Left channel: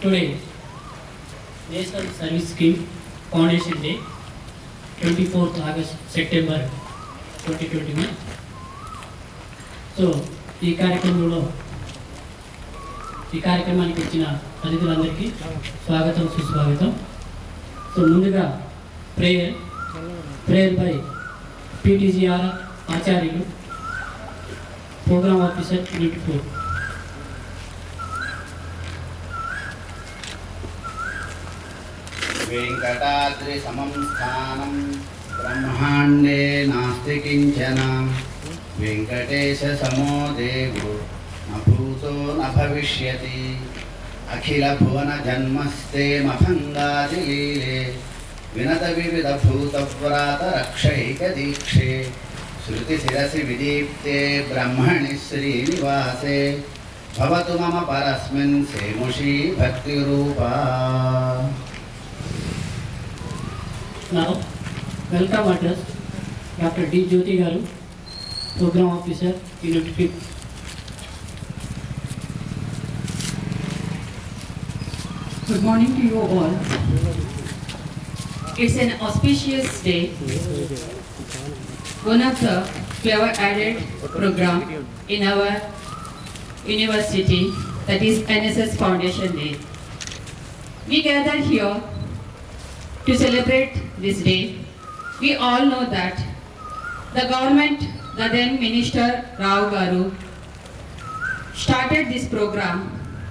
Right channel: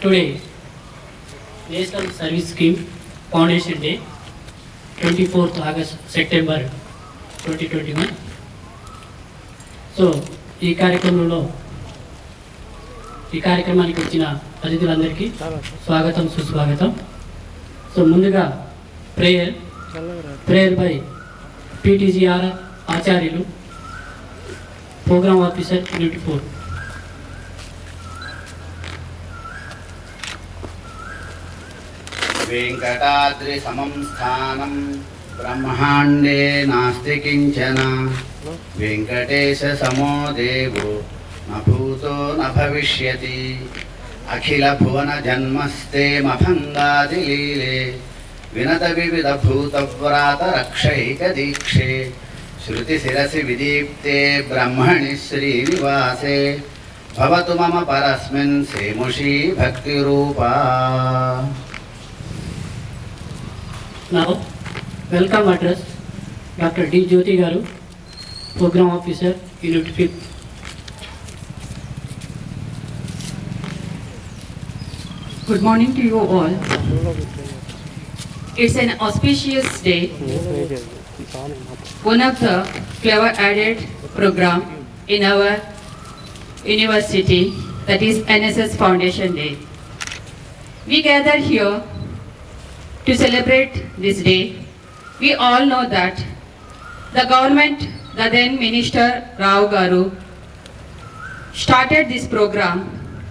Today, National Service Scheme Foundation Day, 24th August, September 2021. So ఈ కార్యక్రమానికి వచ్చిన అతిథులందరికీ స్వాగతం సుస్వాగతం. సో ముందుగా ప్రేయర్ బై PTGR ఆచార్యులు, ప్రోగ్రామ్ ఆఫీసర్ యూనిట్ 4. वेंकटाद्रि समं स्थानं ब्रह्मांडे नास्ति किंचन वेंकटेश समो देवो न भूतो न भविष्यति अखिल भुवन जन्मस्ते मभंगादिलीले विनत विविध भूतव्रात रक्षैक दीक्षे श्रुति शिरसि विदीप्ते ब्रह्मणि श्रीनिवासे भवतु मम परस्मिन् सेमुषी भक्तिरूपा. Now, welcome address Dr. D. Jyoti Garu, Program Officer, Unit 5. Good morning to you all. It's an auspicious day. One of the clever added program in our university, that is NSS Foundation Day. We gathered here to celebrate this day. We all know that the government, the then Minister Rao Garu, started this program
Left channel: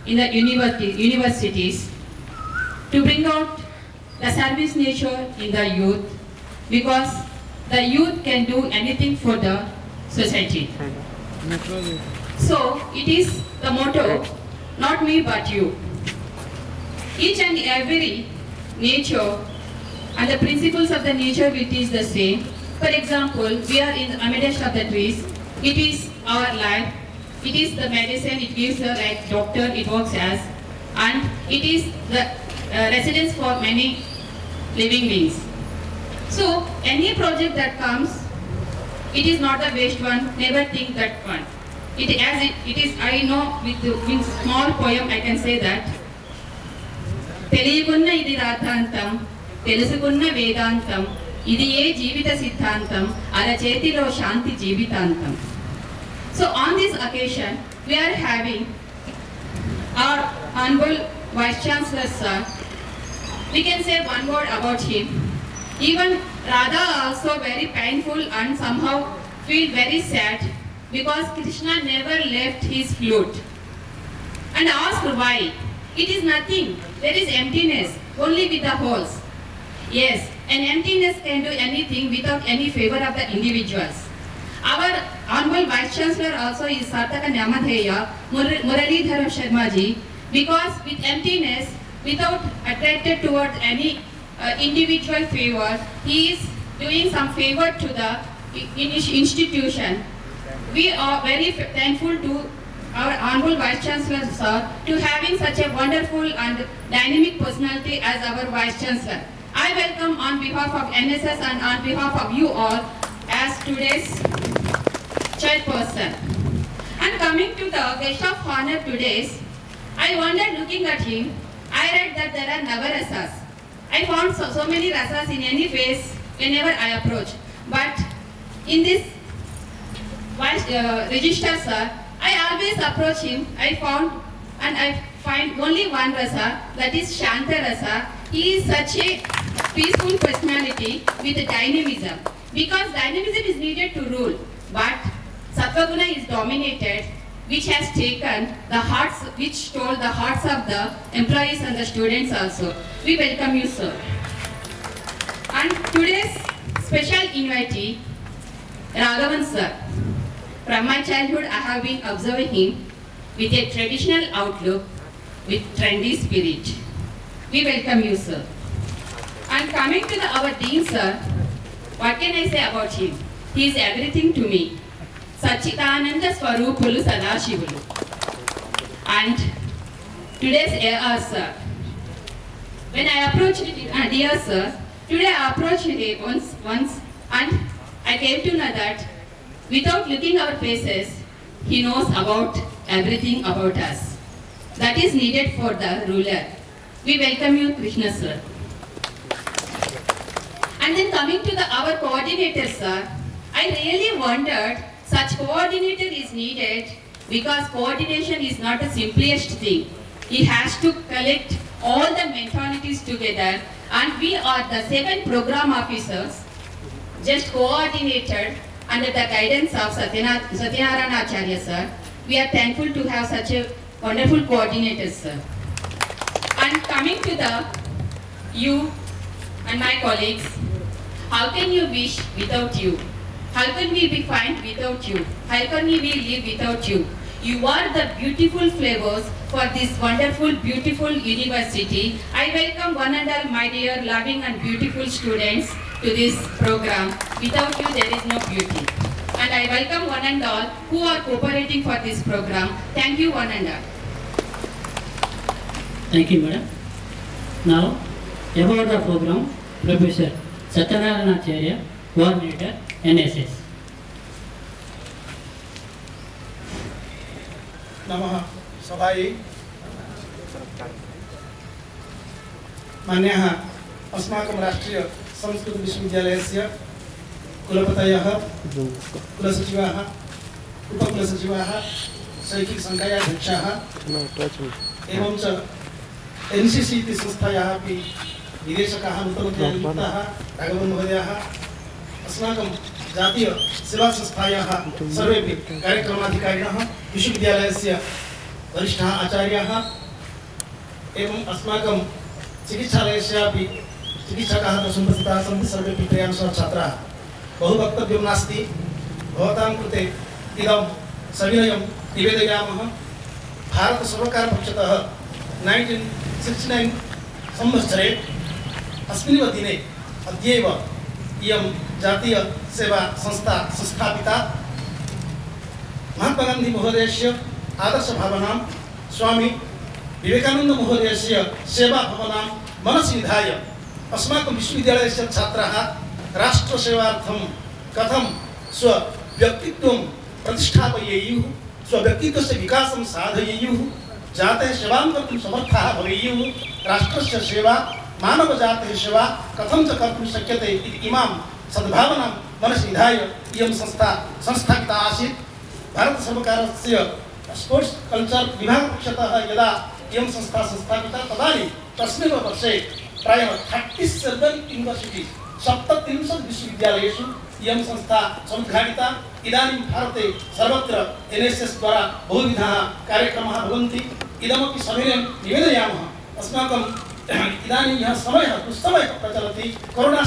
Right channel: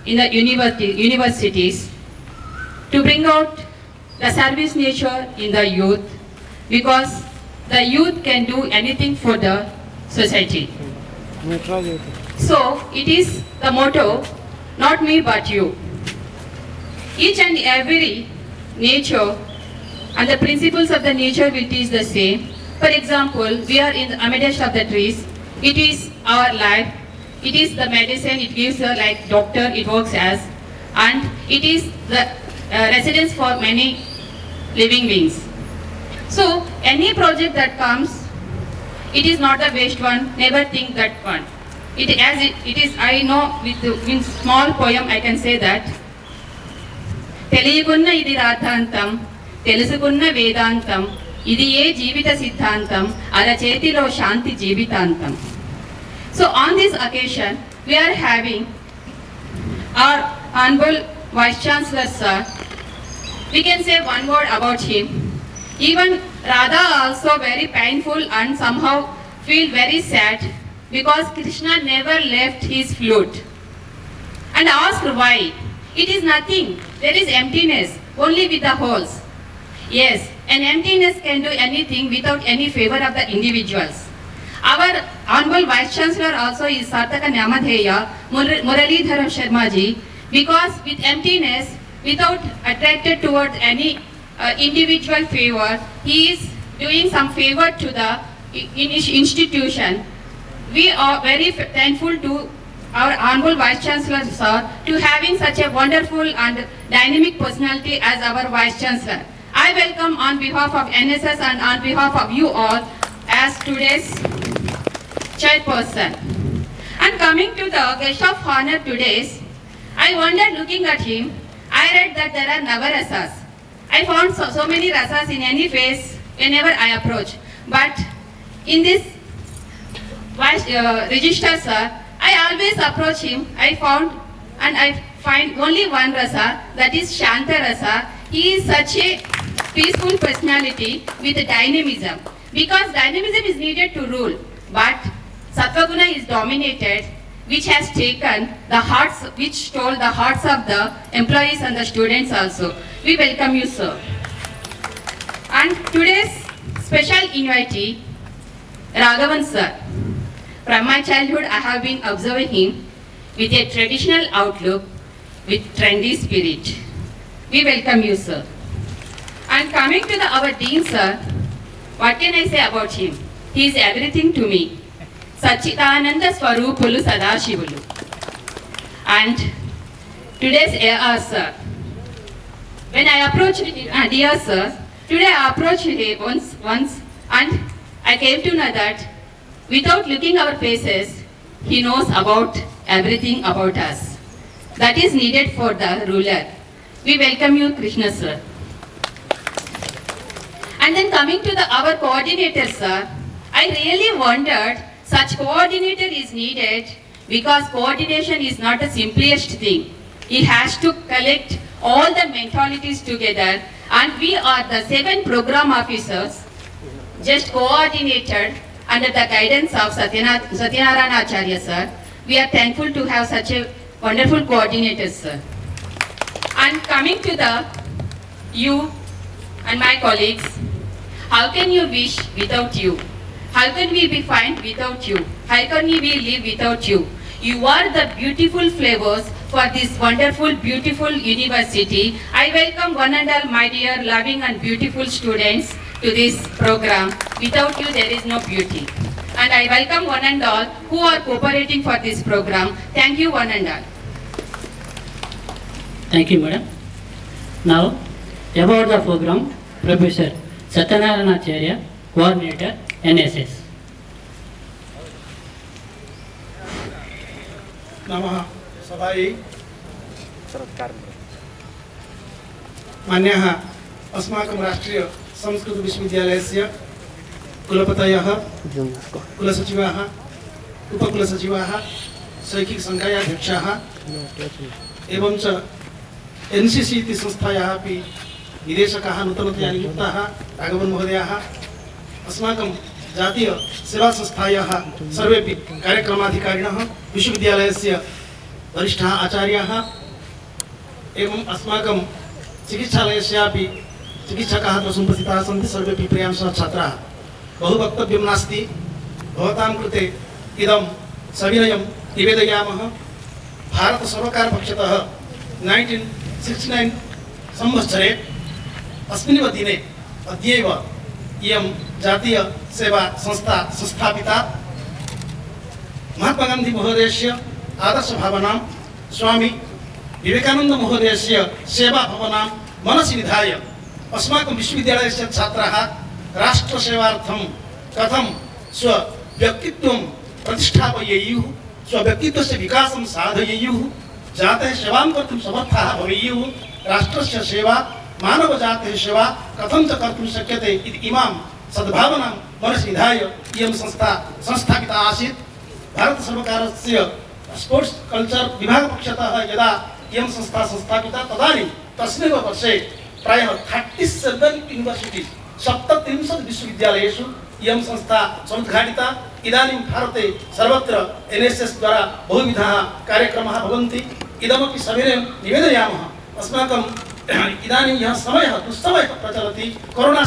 in the universities to bring out the service nature in the youth, because the youth can do anything for the society. So it is the motto, not me but you. Each and every nature and the principles of the nature which is the same. For example, we are in the amidst of the trees. It is our life. It is the medicine. It gives the like doctor. It works as, and it is the residence for many living beings. So any project that comes, it is not the waste one. Never think that one. It is. I know with small poem I can say that. తెలియకున్న ఇది రాతాంతం, తెలుసుకున్న వేదాంతం, ఇది ఏ జీవిత సిద్ధాంతం, అరచేతిలో శాంతి జీవితాంతం. So on this occasion we are having our honorable Vice Chancellor sir. We can say one word about him. Even Radha also very painful and somehow feel very sad because Krishna never left his flute and asked why. It is nothing. There is emptiness only with the holes. Yes, an emptiness can do anything without any favor of the individuals. Our Honorable Vice Chancellor also is Sarthaka Nyamadheya Muralidharan Sharma ji, because with emptiness, without attracted towards any individual favor, he is doing some favor to the institution. We are very thankful to our Honorable Vice Chancellor sir to having such a wonderful and dynamic personality as our Vice Chancellor. I welcome on behalf of NSS and on behalf of you all as today's chairperson. And coming to the guest of honor today's, I wondered looking at him, I read that there are Navarasas. I found so many rasas in any face whenever I approach. But in this register sir, I always approach him, I find only one rasa, that is Shanta rasa. He is such a peaceful personality with dynamism, because dynamism is needed to rule, but Sattva-guna is dominated, which has taken the hearts, which stole the hearts of the employees and the students also. We welcome you sir. And today's special invitee, Raghavan sir. From my childhood I have been observing him with a traditional outlook, with trendy spirit. We welcome you sir. And coming to our Dean sir, what can I say about him? He is everything to me. Sachidananda Swarupulu Sadashivulu. And today's AR sir. When I approached dear sir, today I approached him once and I came to know that without looking our faces, he knows about everything about us. That is needed for the ruler. we welcome you, Krishna sir. And then coming to our coordinator, sir, I really wondered such coordinator is needed because coordination is not the simplest thing. He has to collect all the mentalities together, and we are the 7 program officers just coordinated under the guidance of Satyanarayana Acharya sir. We are thankful to have such a wonderful coordinator, sir. And coming to you and my colleagues, how can you wish without you? How can we be fine without you? How can we live without you? You are the beautiful flavors for this wonderful, beautiful university. I welcome one and all my dear, loving and beautiful students to this program. Without you, there is no beauty. And I welcome one and all who are cooperating for this program. Thank you, one and all. Thank you, madam. Now, about the program, Professor Satyanarayana Acharya, Coordinator, NSS. नमः सभायै मान्याः अस्माकं राष्ट्रीय संस्कृत विश्वविद्यालयस्य कुलपतयः कुलसचिवाः उपकुलसचिवाः शैक्षिक संकायाध्यक्षाः एवं च NCC इति संस्थायाः अपि निदेशकाः नूतनतया नियुक्ताः राघवन् महोदयाः अस्माकं जातीय सेवा संस्थायाः सर्वेपि कार्यक्रमाधिकारिणः विश्वविद्यालयस्य वरिष्ठाः आचार्याः एवं अस्माकं चिकित्सालयस्यापि चिकित्सकाः तु सम्प्रतिताः सन्ति सर्वेपि त्रयांशः छात्राः बहु वक्तव्यं नास्ति भवतां कृते इदं सविनयं निवेदयामः भारतसर्वकारपक्षतः 1969 संवत्सरे अस्मिन्नेव दिने अद्यैव इयं जातीय सेवा संस्था संस्थापिता महात्मा गांधी महोदयस्य आदर्श भावनां स्वामी विवेकानंद महोदयस्य सेवा भावनां मनसि निधाय अस्माकं विश्वविद्यालयस्य छात्राः राष्ट्रसेवार्थं कथं स्वव्यक्तित्वं प्रतिष्ठापयेयुः स्वव्यक्तित्वस्य विकासं साधयेयुः जातेः सेवां कर्तुं समर्थाः भवेयुः राष्ट्रस्य सेवा मानवजातेः सेवा कथं च कर्तुं शक्यते इति इमां सद्भावनां मनसि निधाय इयं संस्था संस्थापिता आसीत्। भारतसर्वकारस्य स्पोर्ट्स् कल्चर् विभागपक्षतः यदा इयं संस्था संस्थापिता तदानीं तस्मिन् वर्षे प्रायः 37 यूनिवर्सिटी 37 विश्वविद्यालयेषु इयं संस्था समुद्घाटिता। इदानीं भारते सर्वत्र एनएसएस द्वारा बहुविधाः कार्यक्रमाः भवन्ति। इदमपि सविनयं निवेदयामः अस्माकं इदानीं यः समयः दुस्समयः प्रचलति कोरोना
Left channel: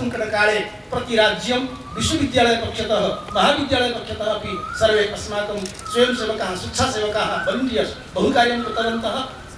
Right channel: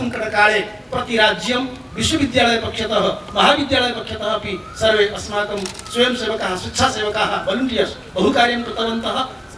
सङ्कटकाले प्रतिराज्यं विश्वविद्यालयपक्षतः महाविद्यालयपक्षतः अपि सर्वे अस्माकं स्वयंसेवकाः स्वेच्छासेवकाः वलण्टियर्स् बहुकार्यं कृतवन्तः।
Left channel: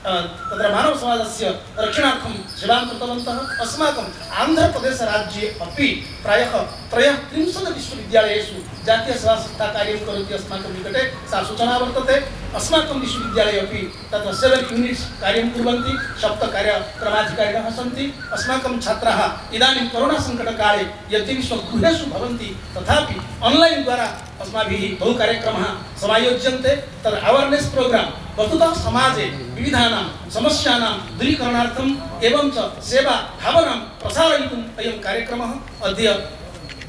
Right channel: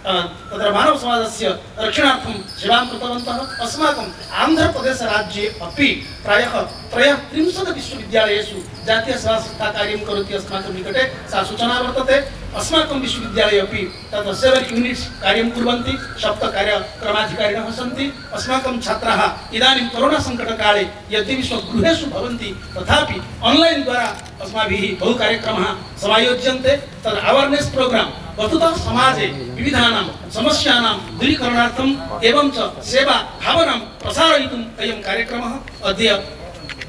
तत्र मानवसमाजस्य रक्षणार्थं सेवां कृतवन्तः। अस्माकम् आन्ध्रप्रदेशराज्ये अपि प्रायः 33 विश्वविद्यालयेषु जातीयसेवासंस्था कार्यं करोति अस्माकं निकटे सा सूचना वर्तते। अस्माकं विश्वविद्यालये अपि तत्र 7 यूनिट्स् कार्यं कुर्वन्ति 7 कार्यक्रमाधिकारिणः सन्ति। अस्माकं छात्राः इदानीं कोरोना सङ्कटकाले यद्यपि स्वगृहेषु भवन्ति तथापि आन्लैन् द्वारा अस्माभिः बहु कार्यक्रमाः समायोज्यन्ते। तद् अवेर्नेस् प्रोग्राम् वस्तुतः समाजे विविधानां समस्यानां दूरीकरणार्थम् एवं च सेवा भावनां प्रसारयितुम् अयं कार्यक्रमः। अद्य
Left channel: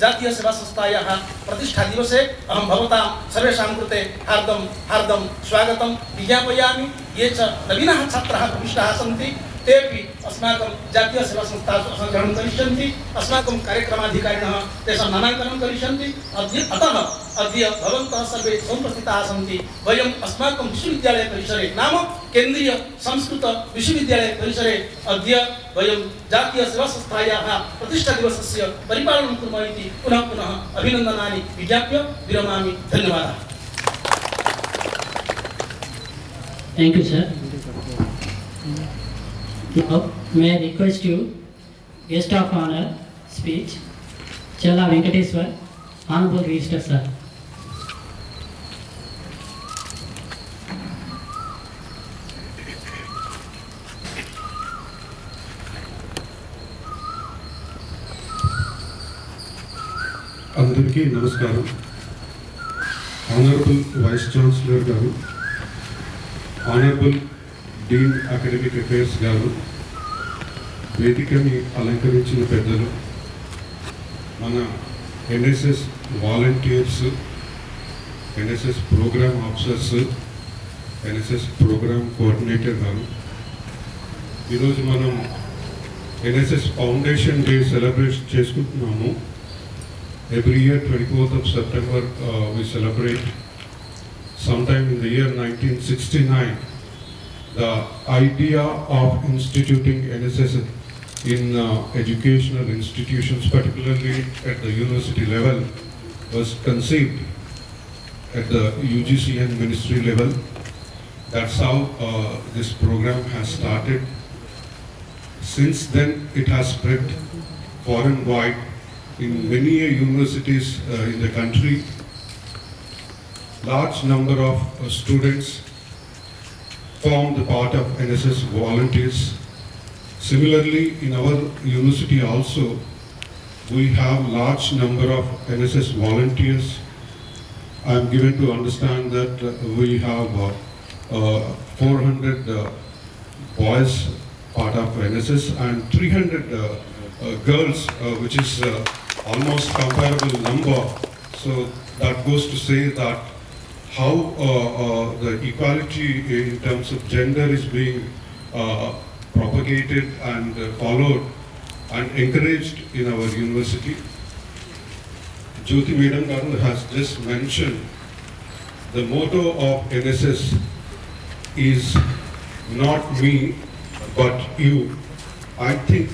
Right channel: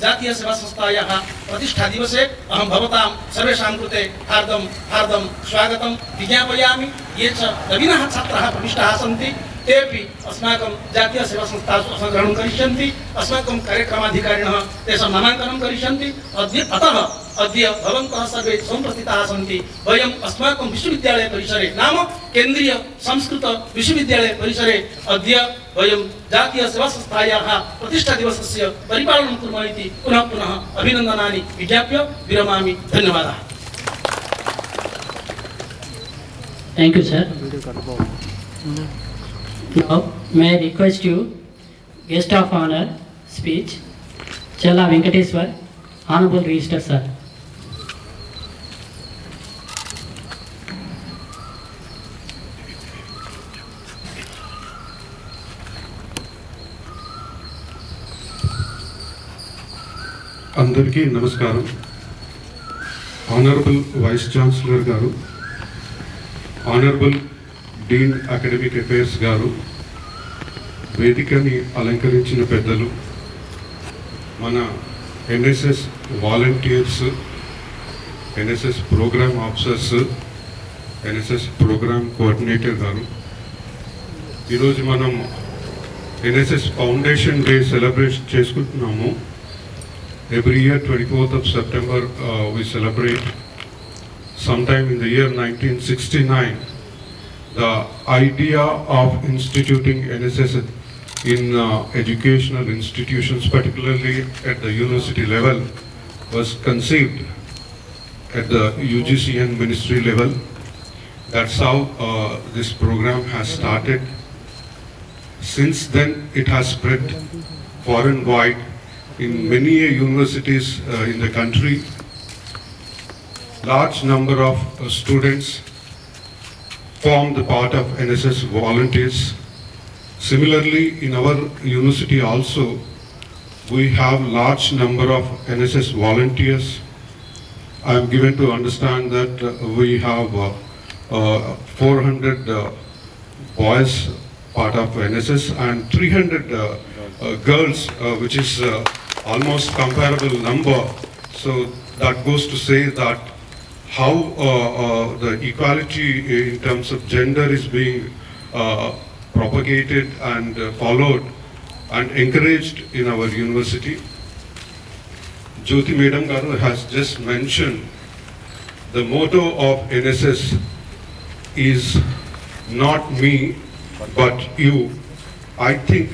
जातीय सेवा संस्थायाः प्रतिष्ठा दिवसे अहं भवतां सर्वेषां कृते हार्दं स्वागतं विज्ञापयामि। ये च नवीनाः छात्राः प्रविष्टाः सन्ति तेपि अस्माकं जातीय सेवा संस्थासु संग्रहणं करिष्यन्ति। अस्माकं कार्यक्रमाधिकारिणः तेषां नामाङ्कनं करिष्यन्ति। अद्य भवन्तः सर्वे समुपस्थिताः सन्ति। वयम् अस्माकं विश्वविद्यालय परिसरे नाम केन्द्रीय संस्कृत विश्वविद्यालय परिसरे अद्य वयं जातीय सेवा संस्थायाः प्रतिष्ठा दिवसस्य परिपालनं कुर्मः इति पुनः अभिनन्दनानि विज्ञाप्य विरमामि। धन्यवादाः। Thank you, sir. Now, may I request you, guest of honor speech, Challa Venkateswar, Honorable Registrar Sir. అందరికీ నమస్కారం. ఆనరబుల్ వైస్ ఛాన్సలర్ గారు, ఆనరబుల్ డీన్ అకాడమిక్ అఫైర్స్ గారు, వేదికని అలంకరించిన పెద్దలు, మన NSS volunteers, NSS programme officers, NSS programme coordinator గారు, ఈరోజు మనం ఎన్ఎస్ఎస్ ఫౌండేషన్ డే సెలబ్రేట్ చేసుకుంటున్నాము. Every year 24th of September we celebrate. Sometime in the year 1969, the idea of instituting NSS in educational institutions, particularly at the university level, was conceived at the UGC and ministry level. That's how this program has started. Since then, it has spread far and wide in many universities in the country. Large number of students form the part of NSS volunteers. Similarly, in our university also, we have large number of NSS volunteers. I am given to understand that we have 400 boys part of NSS and 300 girls, which is almost comparable number. So that goes to say that how the equality in terms of gender is being propagated and followed and encouraged in our university. Jyoti Madam Garu has just mentioned the motto of NSS is not me but you. I think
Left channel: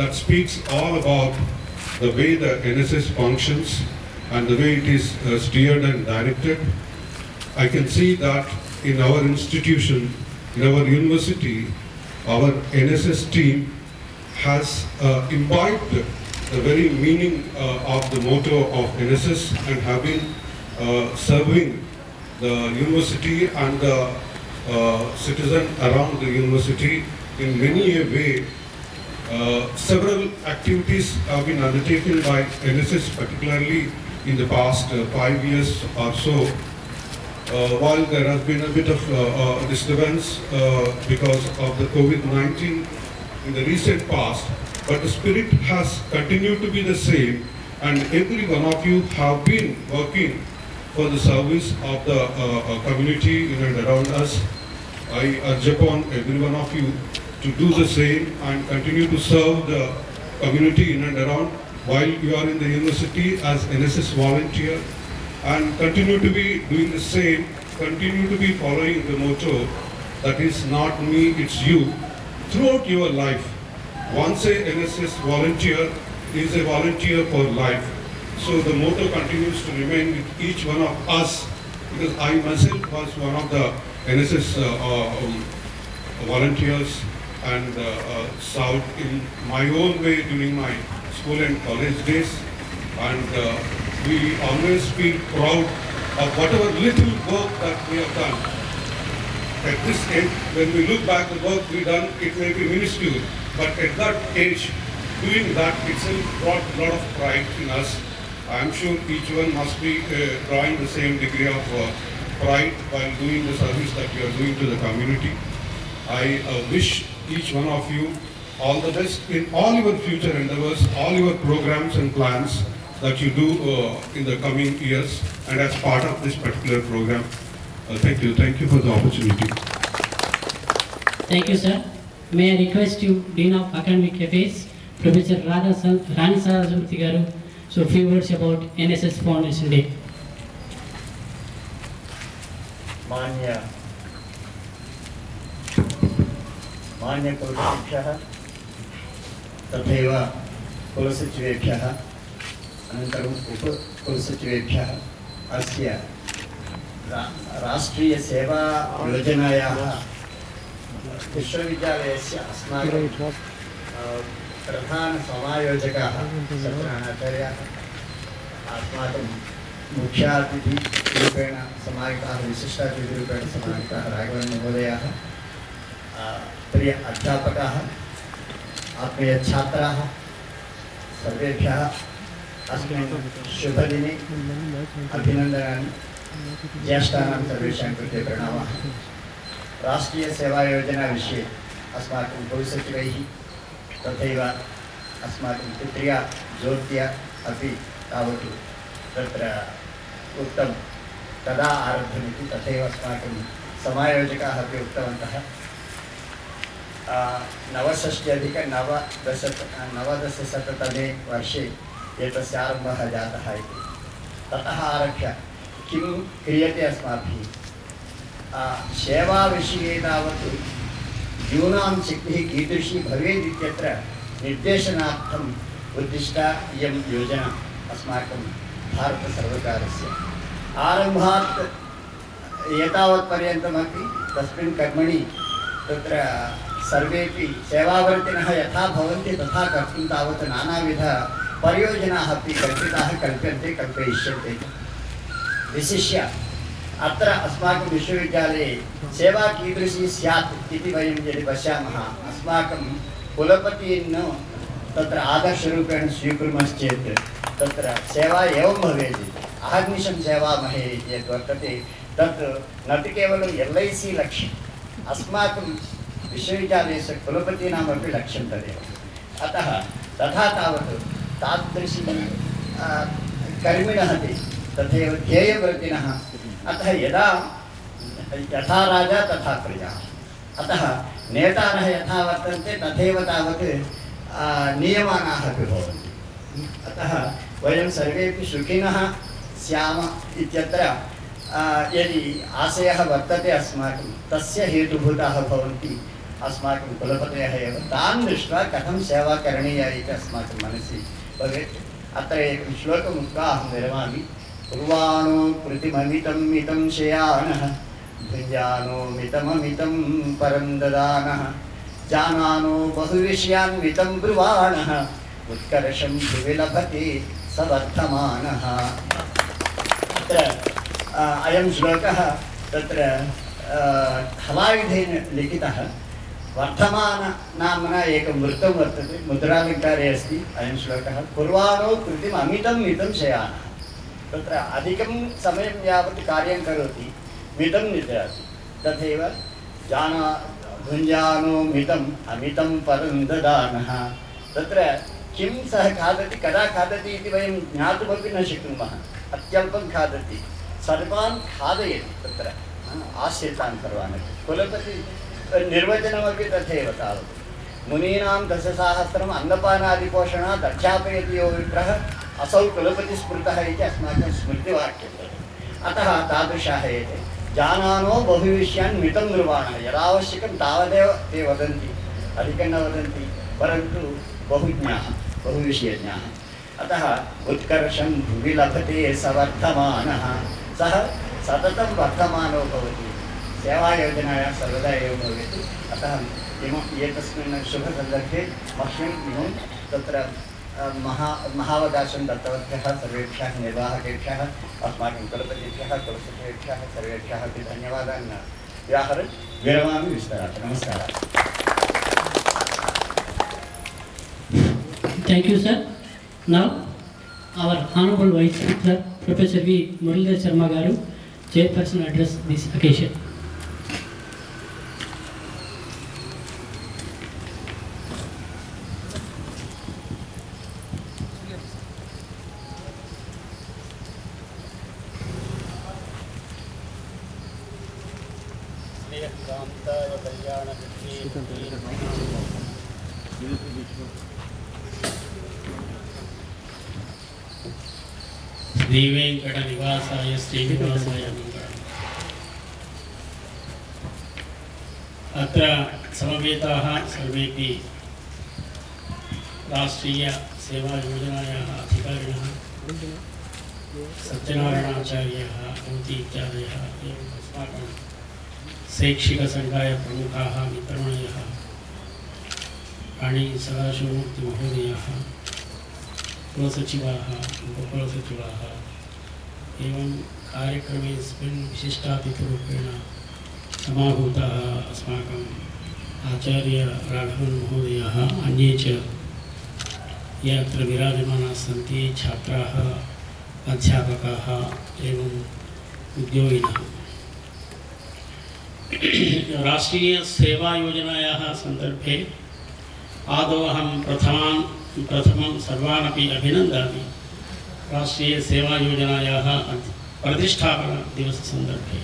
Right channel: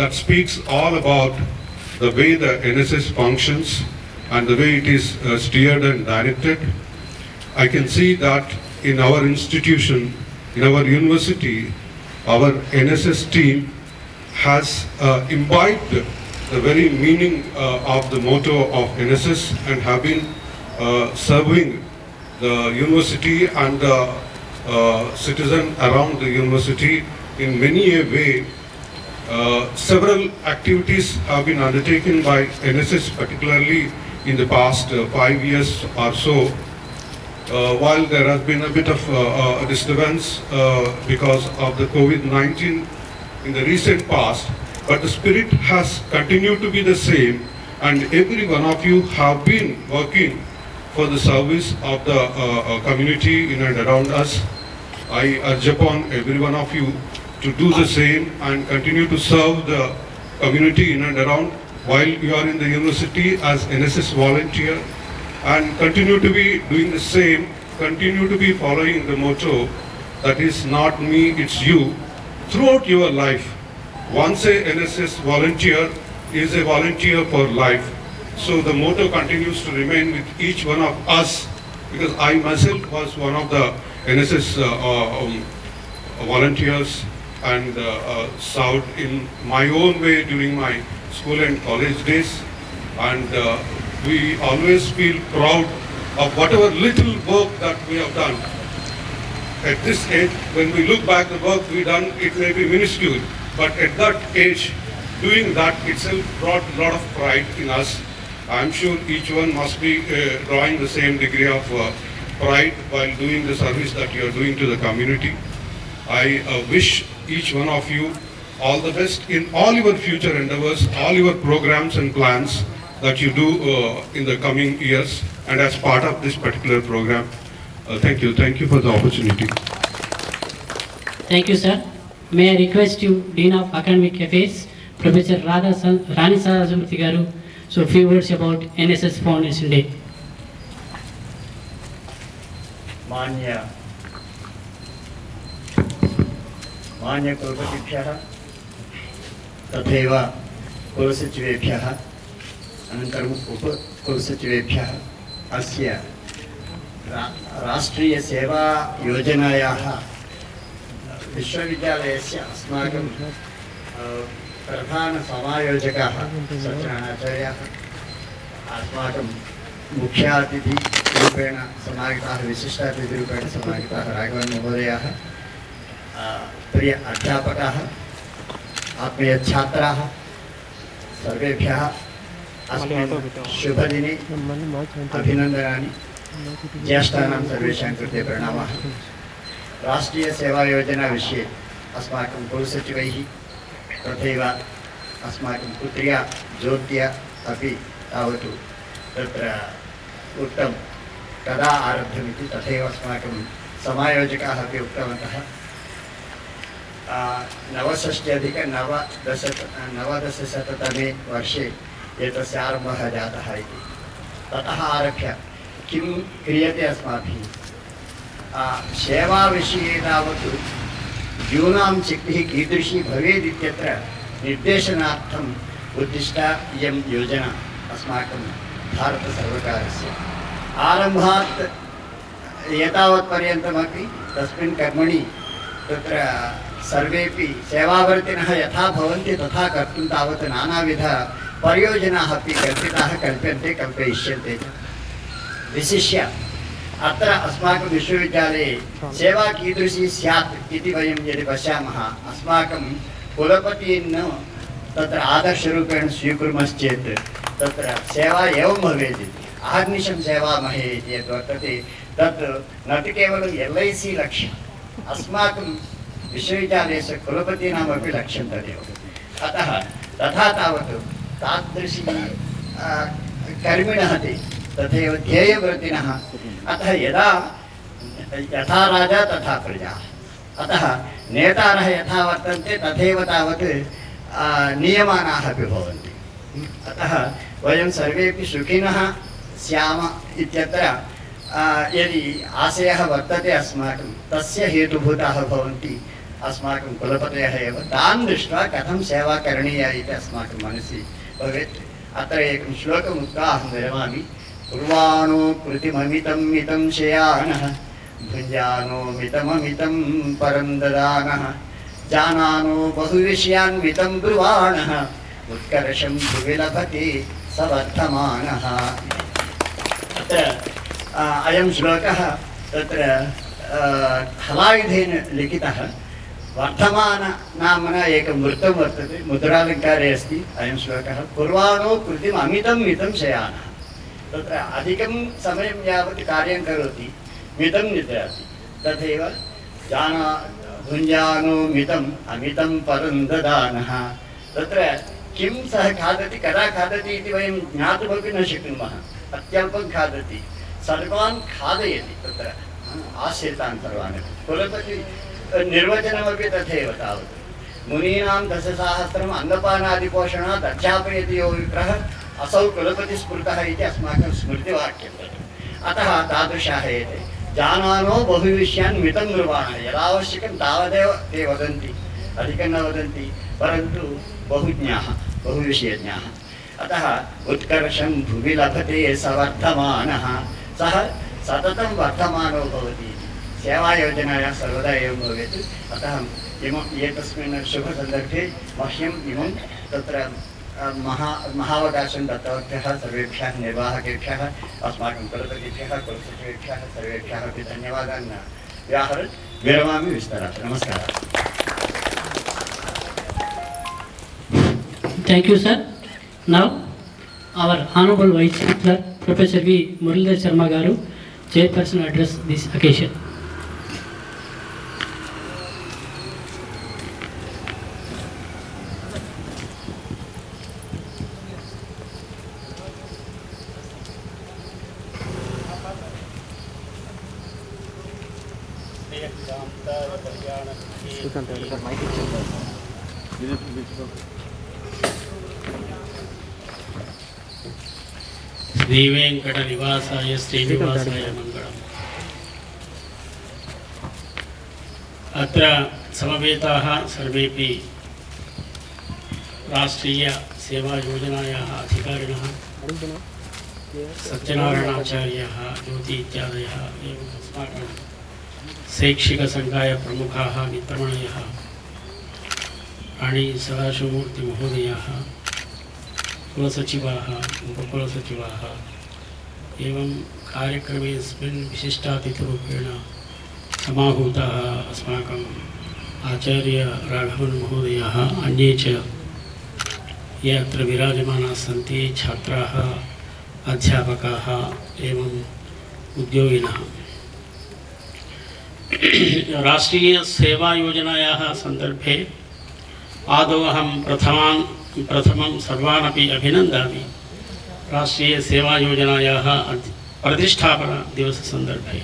that speaks all about the way the NSS functions and the way it is steered and directed. I can see that in our institution, in our university, our NSS team has imbibed the very meaning of the motto of NSS and have been serving the university and the citizen around the university in many a way. Several activities have been undertaken by NSS, particularly in the past 5 years or so. While there has been a bit of disturbance because of the COVID-19 in the recent past, but the spirit has continued to be the same, and every one of you have been working for the service of the community in and around us. I urge upon every one of you to do the same and continue to serve the community in and around while you are in the university as NSS volunteer, and continue to be doing the same, continue to be following the motto that is not me, it's you throughout your life. Once a NSS volunteer is a volunteer for life. So the motto continues to remain with each one of us, because I myself was one of the NSS volunteers and served in my own way during my school and college days, and we always feel proud of whatever little work that we have done. At this age, when we look back the work we done, it may be minuscule, but at that age, doing that itself brought a lot of pride in us. I am sure each one must be drawing the same degree of pride while doing the service that you are doing to the community. I wish each one of you all the best in all your future endeavors, all your programs and plans that you do in the coming years and as part of this particular program. Thank you for the opportunity. Thank you, sir. May I request you, Dean of Academic Affairs, Professor Rani Sadasmurthy Garu, so few words about NSS Foundation Day. मान्य कुलपतिभ्यः तथैव कुलसचिवेभ्यः अनन्तरम् उपकुलसचिवेभ्यः अस्य राष्ट्रीयसेवायोजनायाः विश्वविद्यालयस्य अस्माकं प्रधानसमायोजकाः सत्यनारायणाचार्याः अस्माकं मुख्यातिथिरूपेण समाहिताः विशिष्टातिथिरूपेण समाहिताः राघवन् महोदयाः प्रिय अध्यापकाः आत्मीयछात्राः सर्वेभ्यः अस्मिन् शुभदिने अभिनन्दनानि ज्येष्ठानां सर्वेषां कृते प्रणामाः राष्ट्रीयसेवायोजना विषये अस्माकं कुलसचिवैः तथैव अस्माकं पुत्र्या ज्योत्या अपि तावत् तत्र उक्तं कदा आरब्धमिति, तथैव अस्माकं समायोजकाः अपि उक्तवन्तः 69-नवदशशततमे वर्षे एतस्य आरम्भः जातः इति। ततः आरभ्य किं क्रियते अस्माभिः, सेवाविषये तावत् यूनां शक्तिः कीदृशी भवेत् इत्यत्र निर्देशनार्थम् उद्दिष्टा इयं योजना अस्माकं भारतसर्वकारस्य। आरम्भात् एतावत्पर्यन्तमपि तस्मिन् कर्मणि तत्र सर्वेपि सेवावर्तिनः यथा भवन्ति तथा कर्तुं तावत् नानाविध परियोजनाः अपि कल्पिताः, कल्प्यन्ते, कल्पयिष्यन्ते। विशिष्य अत्र अस्माकं विश्वविद्यालये सेवा कीदृशी स्यात् इति वयं यदि पश्यामः, अस्माकं कुलपतिं तत्र आदर्शरूपेण स्वीकुर्मश्चेत् तत्र सेवा एवं भवेत्। अहर्निशं सेवामहे इति यद् वर्तते तत् न तु केवलं LIC लक्ष्यम्, अस्माकं विश्वविद्यालयस्य कुलपतीनामपि लक्ष्यं तदेव। अतः तथा तावत् तादृशी कर्मिणः ते तथैव ध्येयव्रतिनः। अतः यथा राजा तथा प्रजा, अतः नेतारः यथा वर्तन्ते तथैव तावत् नियमानाः अपि भवन्ति। अतः वयं सर्वेपि सुखिनः स्याम इत्यत्र यदि आशयः वर्तते अस्माकं, तस्य हेतुभूताः भवन्ति अस्माकं कुलपतयः एव। तान् दृष्ट्वा कथं सेवा करणीया इति अस्माकं मनसि भवेत्। अत्र एकं श्लोकम् उक्त्वा अहं विरमामि। कुर्वाणो कृतिममितं मितं शयानः, भुञ्जानो मितममितं परं ददानः, जानानो बहुविषयान्वितं ब्रुवाणः, उत्कर्षं भुवि लभते स वर्धमानः। अत्र अयं श्लोकः तत्र हलायुधेन लिखितः। वर्धमान नाम्ना एकं वृत्तं वर्तते, मुद्रालङ्कारे अस्ति अयं श्लोकः। कुर्वाणो कृतिम् अमितं मितं शयानः, तत्र अधिकं समयं यावत् कार्यं करोति, मितं निद्राति। तथैव भुञ्जानो मितम् अमितं परं ददानः, तत्र किं सः खादति, कदा खादति इति वयं ज्ञातुमपि न शक्नुमः। अत्यल्पं खादति, सर्वान् खादयति, तत्र आश्रितान् सर्वान्। कुलपति निर्वचनमपि तथैव तावत्। मुनीनां दशसाहस्रम् अन्नपानादिपोषणात् अध्यापयति यो विप्रः, असौ कुलपतिस्मृतः इति अस्माकं स्मृतिवाक्यं। अतः तादृशाः एते। जानानो बहुविषयान् मितं ब्रुवाणः, यदावश्यकं तावदेव ते वदन्ति, अधिकं न वदन्ति, परन्तु बहुज्ञाः, बहुविषयज्ञाः। अतः उत्कर्षं भुवि लभते स वर्धमानः, सः सततं वर्धमानो भवति। सेवायोजनायां सर्वदा एवं भवेत्। अतः एतस्मिन् शुभसन्दर्भे मह्यम् इमं तत्र महावकाशं दत्तवद्भ्यः सर्वेभ्यः निर्वाहकेभ्यः, अस्माकं कुलपतिभ्यः, कुलसचिवेभ्यः सर्वेभ्यः अपि धन्यवादान् व्याहरन् विरमामि। विस्तरात् नमस्कारः। Thank you, sir. Now, our Honorable Vice Chancellor, Professor V. Muralidhar Sharma Garu, Chairperson, will address this occasion. श्रीकान्ताय कल्याणनिधये श्रीवेङ्कटनिवासाय श्रीनिवासाय मङ्गलम्। अत्र समवेताः सर्वेपि राष्ट्रीयसेवायोजनायाः अधिकारिणः, सत्यनारायणाचार्याः, ज्योति इत्यादयः, एवम् अस्माकं शैक्षिकसङ्घाय प्रमुखाः मित्रमणयः, राणी सदाशिवमूर्तिमहोदयाः, कुलसचिवाः, उपकुलसचिवाः, एवं कार्यक्रमेऽस्मिन् विशिष्टातिथिरूपेण समाहूताः अस्माकम् आचार्य राघवन् महोदयाः, अन्ये च ये अत्र विराजमानाः सन्ति, छात्राः, अध्यापकाः एवम् उद्योगिनः। राष्ट्रीय सेवा योजनायाः सन्दर्भे आदौ अहं प्रथमं सर्वानपि अभिनन्दामि राष्ट्रीय सेवा योजनायाः प्रतिष्ठापना दिवससन्दर्भे।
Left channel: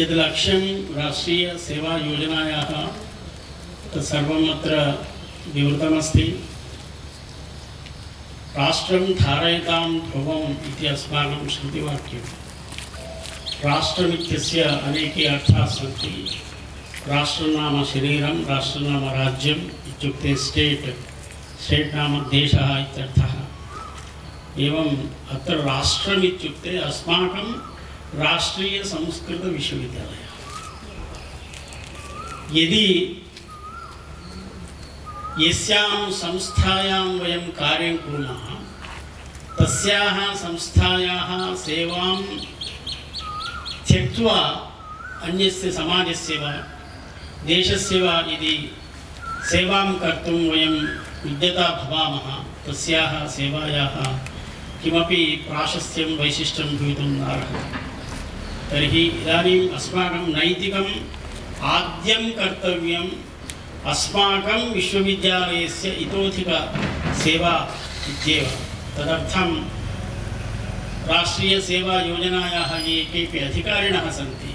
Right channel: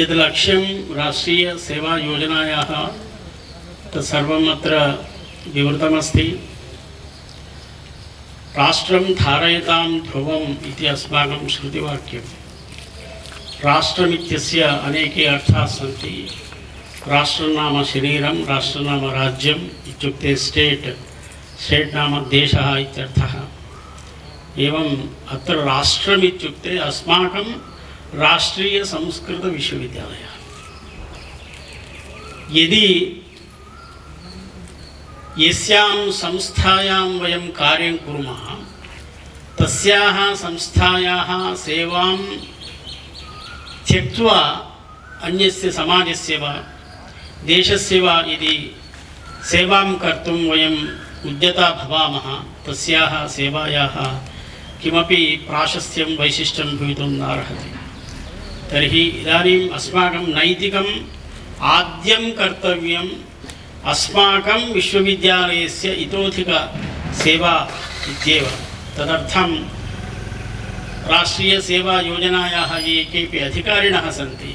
यद् लक्ष्यं राष्ट्रीय सेवा योजनायाः तत्सर्वम् अत्र विवृतमस्ति। राष्ट्रं धारयतां ध्रुवम् इति अस्माकं श्रुतिवाक्यं। राष्ट्रमित्यस्य अनेके अर्थाः सन्ति। राष्ट्रं नाम शरीरं, राष्ट्रं नाम राज्यम् इत्युक्ते स्टेट् नाम देशः इत्यर्थः। एवम् अत्र राष्ट्रम् इत्युक्ते अस्माकं राष्ट्रीय संस्कृत विश्वविद्यालयः। यदि यस्यां संस्थायां वयं कार्यं कुर्मः तस्याः संस्थायाः सेवां त्यक्त्वा अन्यस्य समाजस्य वा देशस्य वा यदि सेवां कर्तुं वयम् उद्यता भवामः तस्याः सेवायाः किमपि प्राशस्त्यं वैशिष्ट्यं भवितुं नार्हति। तर्हि इदानीम् अस्माकं नैतिकम् आद्यं कर्तव्यम् अस्माकं विश्वविद्यालयस्य इतोधिक सेवा इत्येव। तदर्थं राष्ट्रीय सेवा योजनायाः ये केऽपि अधिकारिणः सन्ति,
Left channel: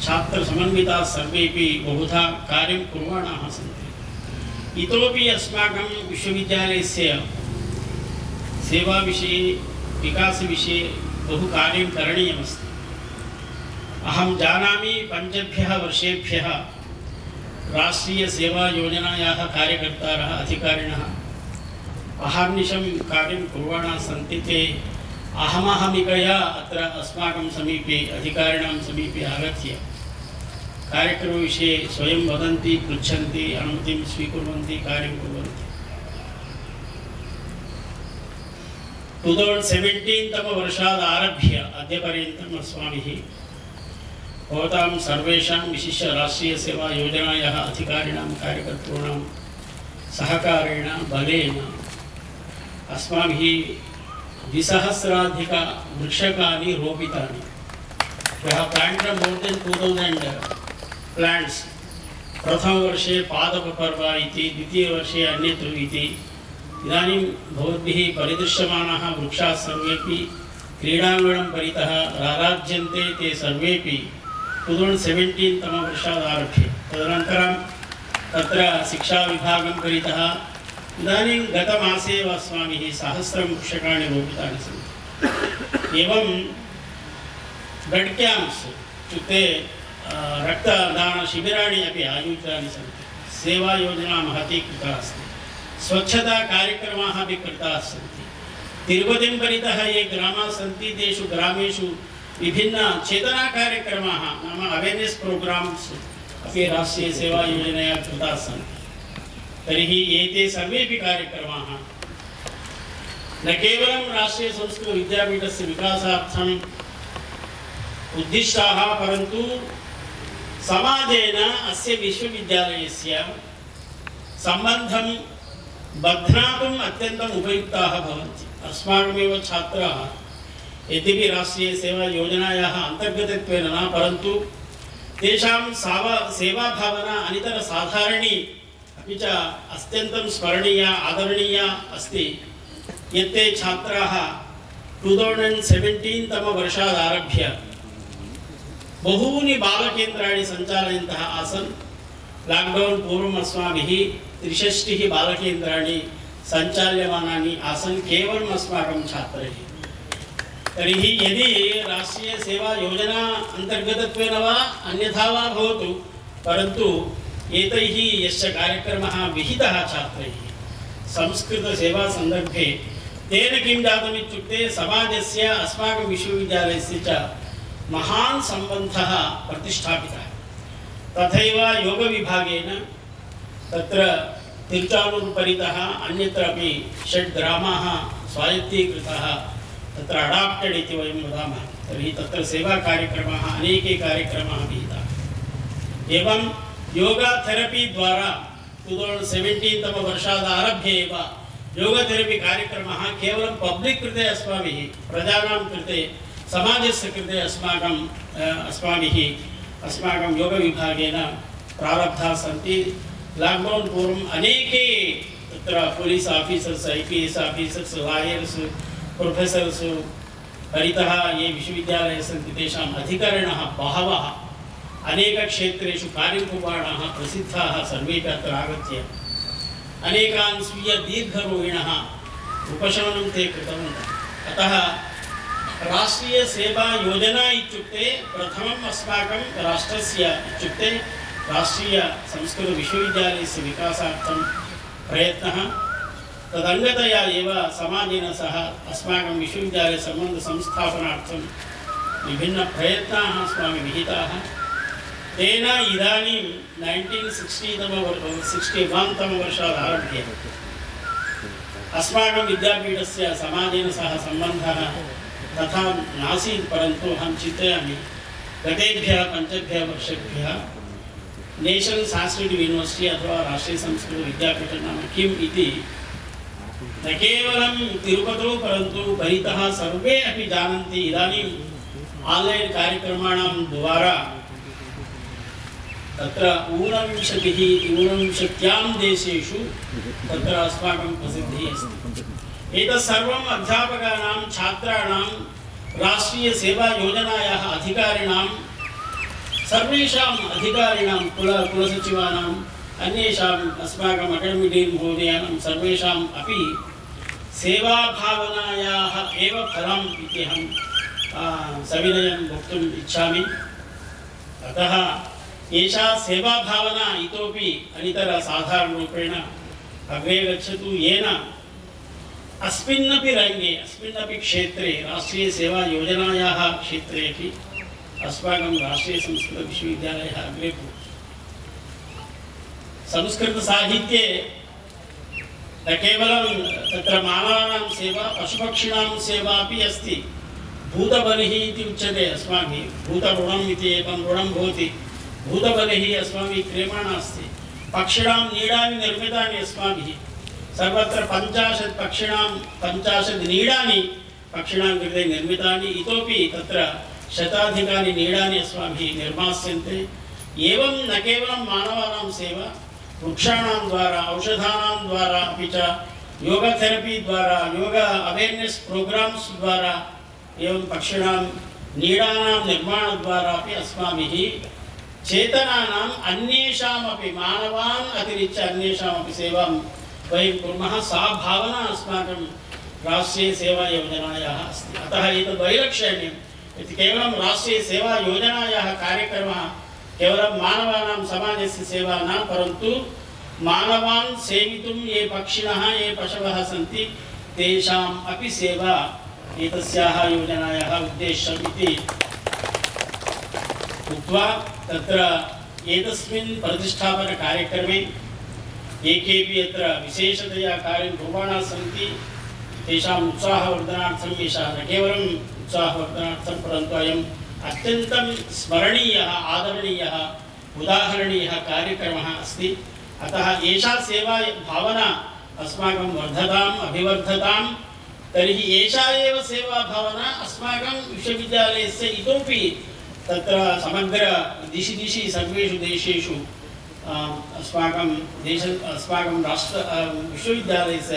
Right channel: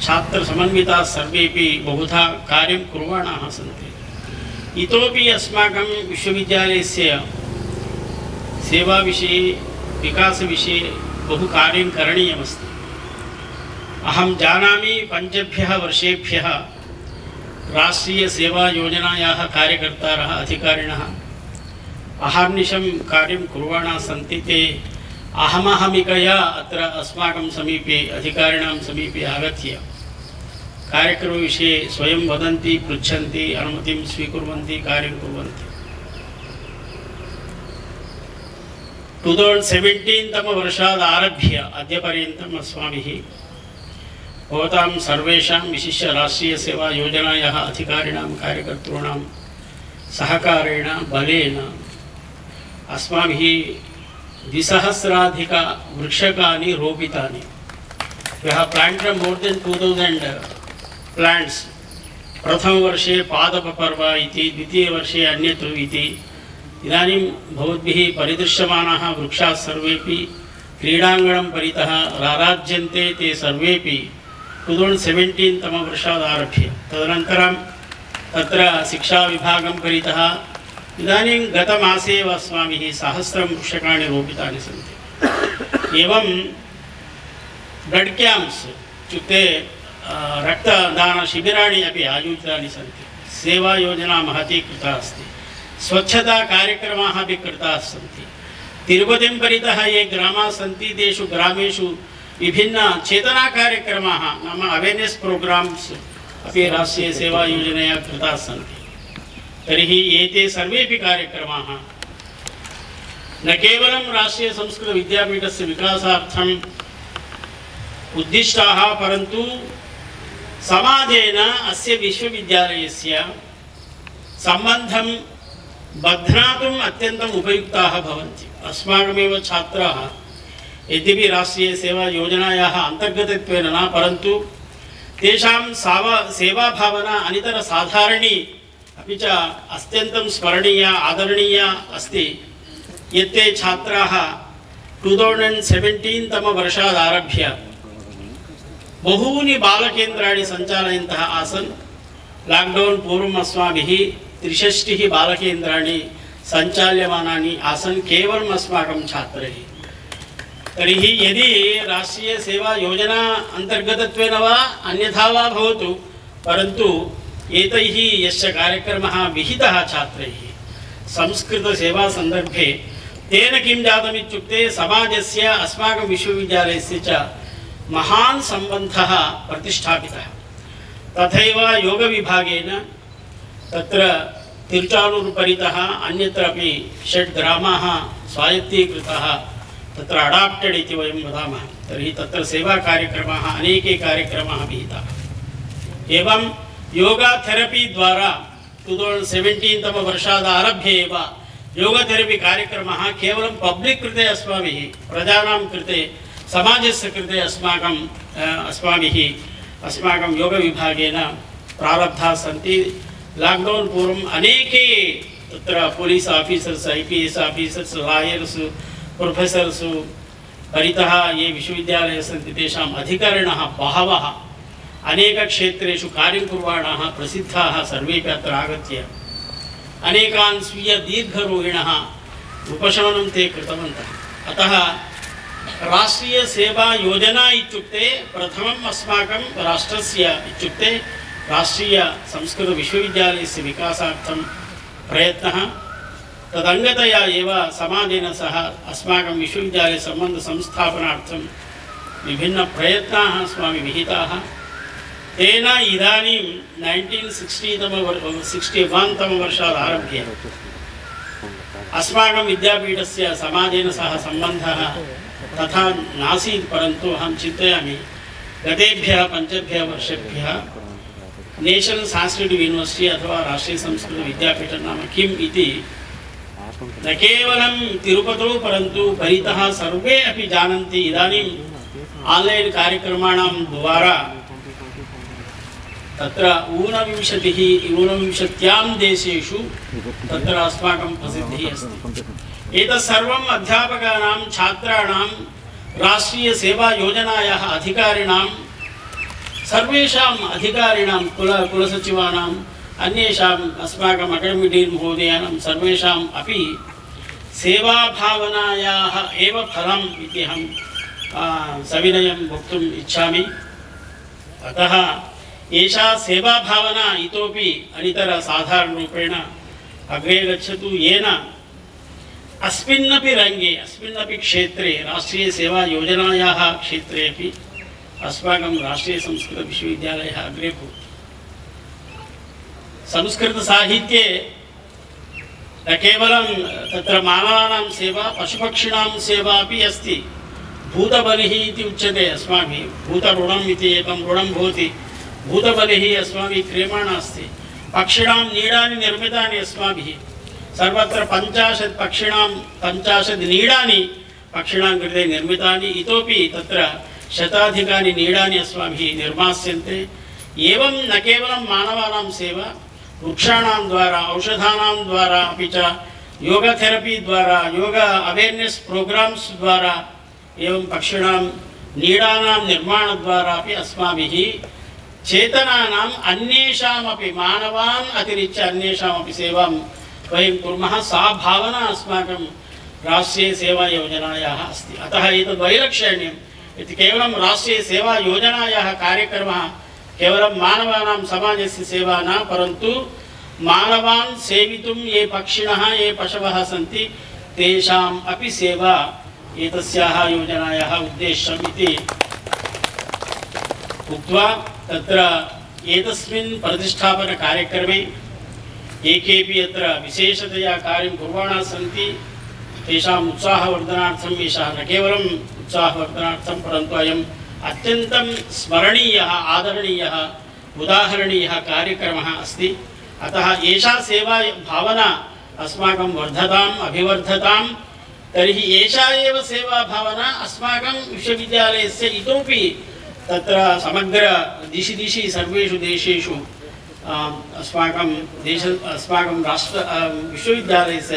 छात्रसमन्विताः सर्वेपि बहुधा कार्यं कुर्वाणाः सन्ति। इतोपि अस्माकं विश्वविद्यालयस्य सेवाविषये विकासविषये बहु कार्यं करणीयमस्ति। अहं जानामि 5 वर्षेभ्यः राष्ट्रीय सेवा योजनायाः कार्यकर्तारः अधिकारिणः अहर्निशं कार्यं कुर्वाणाः सन्ति। ते अहमहमिकया अत्र अस्माकं समीपे अधिकारिणां समीपे आगत्य कार्यक्रमविषये स्वयं वदन्ति, पृच्छन्ति, अनुमतिं स्वीकुर्वन्ति, कार्यं कुर्वन्ति। 2017 तमवर्षात् आरभ्य अद्यपर्यन्तम् अस्माभिः भवतां सर्वेषां विशिष्य राष्ट्रीय सेवा योजनायाः अधिकारिणां कार्यकर्तॄणां सहकारेण बलेन अस्माभिः 2,000 वृक्षकानि रोपितानि। We have planted more than 2,000 plants. प्रथमवर्षे पादपपर्व इति, द्वितीयवर्षे अन्यत्र इति। इदानीं भवद्भिः परिदृश्यमानाः वृक्षाः सर्वेपि क्रीडाङ्गणं परितः राराज्यन्ते। ते सर्वेपि 2017 तमवर्षात् आरभ्य तदनन्तरं तत्र शिक्षाविभागं परितः इदानीं गतमासे एव अस्माभिः 1,000 वृक्षकाणि रोपितानि सन्ति। एवं ब्लड् क्याम्प्स् इत्युक्ते रक्तदानशिबिराणि अपि आयोजितानि सन्ति। सेवायोजना महती कृता अस्ति। स्वच्छताकार्यक्रमाः अपि कृताः सन्ति। तिरुपतिं परितः ये ग्रामाः सन्ति तेषु ग्रामेषु विभिन्न चेतना कार्यक्रमाः नाम अवेर्नेस् प्रोग्राम्स् अपि राष्ट्रीय सेवा योजनया कृताः सन्ति। तर्हि एते सर्वेपि कार्यक्रमाः न केवलं राष्ट्रीय संस्कृत विद्यापीठस्य विकासार्थम् उद्दिष्टाः परन्तु समाजेन अस्य विश्वविद्यालयस्य सम्बन्धं बध्नातुम् अत्यन्तम् उपयुक्ताः भवन्ति। अस्माकमेव छात्राः यद्यपि राष्ट्रीय सेवा योजनायाः अन्तर्गतत्वेन न परन्तु तेषां सेवाभावना अनितरसाधारणी अपि च अत्यन्तं स्मरणीया आदरणीया अस्ति। यत्ते छात्राः 2017 तमवर्षात् आरभ्य बहूनि बालकेन्द्राणि सञ्चालयन्तः आसन्। लाक्डौन् पूर्वम् अस्माभिः 63 बालकेन्द्राणि सञ्चाल्यमानानि आसन् केवलम् अस्माकं छात्रैः। तर्हि यदि राष्ट्रीय सेवा योजना अन्तर्गतत्वेन वा अन्यथा वा भवतु परन्तु एतैः यस्य कार्यक्रमः विहितः छात्रैः संस्कृतसेवा सन्दर्भे तेन किं जातम् इत्युक्ते समाजस्य अस्माकं विश्वविद्यालयस्य च महान् सम्बन्धः प्रतिष्ठापितः। तथैव योगविभागेन तत्र तिरुचानूरु परितः अन्यत्र अपि 6 ग्रामाः स्वायत्तीकृताः तत्र अडाप्टेड् इति वयं वदामः। तर्हि तत्र सेवाकार्यक्रमाः अनेके कार्यक्रमाः विहिताः। एवं योगा थेरपी द्वारा 2017 तमवर्षात् आरभ्य एव योगथेरपी कार्यक्रमः केवलं पब्लिक् कृते अस्माभिः प्रजानां कृते समाजस्य कृते अस्माकं योगविभागेन प्रारब्धाः सन्ति। लाक्डौन् पूर्वम् अनेके तत्र पोलीस् आफीसर्स्, IPS आफीसर्स्, लायर्स्, प्रोफेसर्स् परितः ये विश्वविद्यालये सन्ति तेषाम् अधिकारिणः बहवः अनेकक्षेत्रेषु कार्यं कुर्वाणाः प्रसिद्धाः सर्वेपि अत्र आगत्य अनेकान् स्वीय दीर्घरोगिणः उपशमनं ते कृतवन्तः। अतः राष्ट्रीयसेवायोजना इत्युक्ते प्रथमम् अस्माकं राष्ट्रस्य इत्युक्ते राष्ट्रीयसंस्कृतविश्वविद्यालयस्य विकासार्थं प्रयत्नः। तदङ्गतया एव समाजेन सह अस्माकं विश्वविद्यालयसम्बन्धसंस्थापनार्थं विभिन्नप्रयत्नाः अस्माभिः विहिताः। तेन इदानीं 1961 तमवर्षात् आरभ्य अस्माकं विद्यापीठस्य समाजेन सह सम्बन्धः तथा नासीत्, परन्तु अहं चिन्तयामि गतेभ्यः 5 वर्षेभ्यः नेशनल् सांस्कृतिक यूनिवर्सिटी अथवा राष्ट्रीयसंस्कृतविद्यापीठं नाम किम् इति न केवलं तिरुपतौ परन्तु परितः सर्वे अपि जानन्ति। इदानीम् आन्लैन् कार्यक्रमाणां द्वारा तत्र 39 देशेषु तत्र अस्माकं प्रसिद्धिः अस्ति। एतत् सर्वम् अध्यापकानां, छात्राणां, राष्ट्रीयसेवायोजनायाः अधिकारिणां, सर्वेषाम् अधिकारिणां, कुलसचिवानाम्, अन्येषाम् अस्माकम् अकाडेमिक् डीन् महोदयानां सर्वेषाम् अपि सेवाभावनायाः एव फलम् इति अहं सविनयं वक्तुम् इच्छामि। अतः एषा सेवाभावना इतोपि अनितरसाधारणरूपेण अग्रे गच्छतु, येन अस्मिन्नपि रङ्गे, अस्मिन्नपि क्षेत्रे, राष्ट्रीयसेवायोजनायाः क्षेत्रे अपि अस्माकं राष्ट्रीयसंस्कृतविश्वविद्यालयः अग्रे भूत्। संस्कृतसाहित्ये न केवलं तत्र मानवानां सेवा, पशुपक्षिणां सेवा अपि अस्ति। भूतबलिः इति उच्यते अस्माभिः, भूतऋणम् इति एकं ऋणं भवति। भूतबलिः अस्माभिः क्रियमाणा अस्ति। पक्षिणां नीडानि निर्मितानि अस्माभिः सर्वत्र 50 पक्षिणां 50 नीडानि पक्षिणां कृते निर्मितानि, इतोपि तत्र शताधिकानि नीडानि अस्माभिः निर्मास्यन्ते। एवं न केवलं मानवानां सेवा, वृक्षाणां द्वारा, औषधानां द्वारा, अपि च योगथेरपी द्वारा, योग अवेर्नेस् प्रोग्राम्स् द्वारा, एवं पक्षिणां नीडानां निर्माणद्वारा अपि अस्माभिः चेतनानाम् अन्येषामपि, मानवान् अतिरिच्य अन्येषामपि सेवां वयं कुर्मः। सा भावना अस्माकं राष्ट्रीयसेवायोजनायाः अस्ति। अतः एतद् वैलक्षण्यम् इति केवलं राष्ट्रीयसेवायोजनायाः कार्यक्रमः केवलं मानवानां समाजस्य सेवा न, परन्तु मानवान् सेवितुं ये पक्षिणः, ये पशवः सन्ति तेषाम् अपि सेवा एतस्याः योजनायाः उद्देश्यम् इति उक्त्वा तत्र एतस्मिन् प्रतिष्ठापनकार्यक्रमे ये केऽपि अत्र विशेषतया कार्यं कुर्वाणाः सन्ति तेषाम् उत्साहवर्धनार्थम् एषः न केवलम् उत्साहवर्धनार्थं परन्तु अयम् अत्यन्तं स्मरणीयः, आदरणीयः, उदाहरणीयः कार्यक्रमः अस्ति। अतः एषा सेवा भावना अस्माकं वर्धताम्, अभिवर्धताम्। तर्हि एषा एव सेवा भावना अस्माकं विश्वविद्यालयस्य इतोपि तत्र समग्र दिशि सर्वेषु देशेषु अस्माकं राष्ट्र विश्वविद्यालयस्य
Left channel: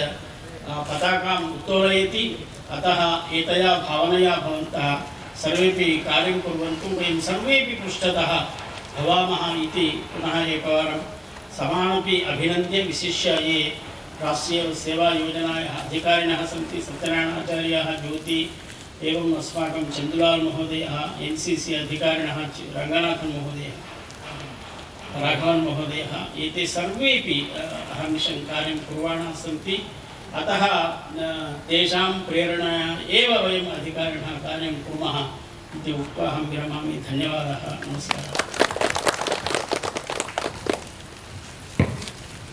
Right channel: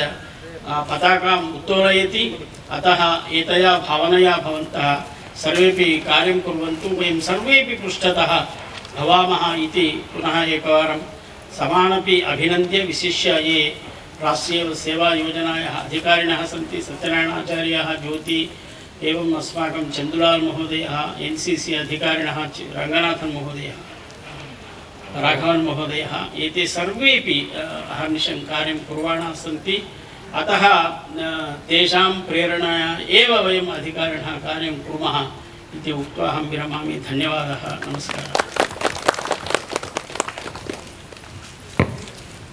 पताकाम् उत्तोलयति। अतः एतया भावनया भवन्तः सर्वेपि कार्यं कुर्वन्तु, वयं सर्वेपि पृष्ठतः भवामः इति पुनः एकवारं समानपि अभिनन्द्य, विशिष्य ये राष्ट्रीयसेवायोजनायाः अधिकारिणः सन्ति, सत्यनारायणाचार्याः, ज्योति, एवम् अस्माकं चन्दुलाल् महोदयः, NCC अधिकारिणः रङ्गनाथन् महोदयः, राघवन् महोदयः, एते सर्वेपि अहर्निशं कार्यं कुर्वाणाः सन्ति। अतः तेषां प्रेरणया एव वयम् अधिकारिणः कार्यं कुर्मः इति उक्त्वा अहं विरमामि। धन्यवादः, नमस्कारः।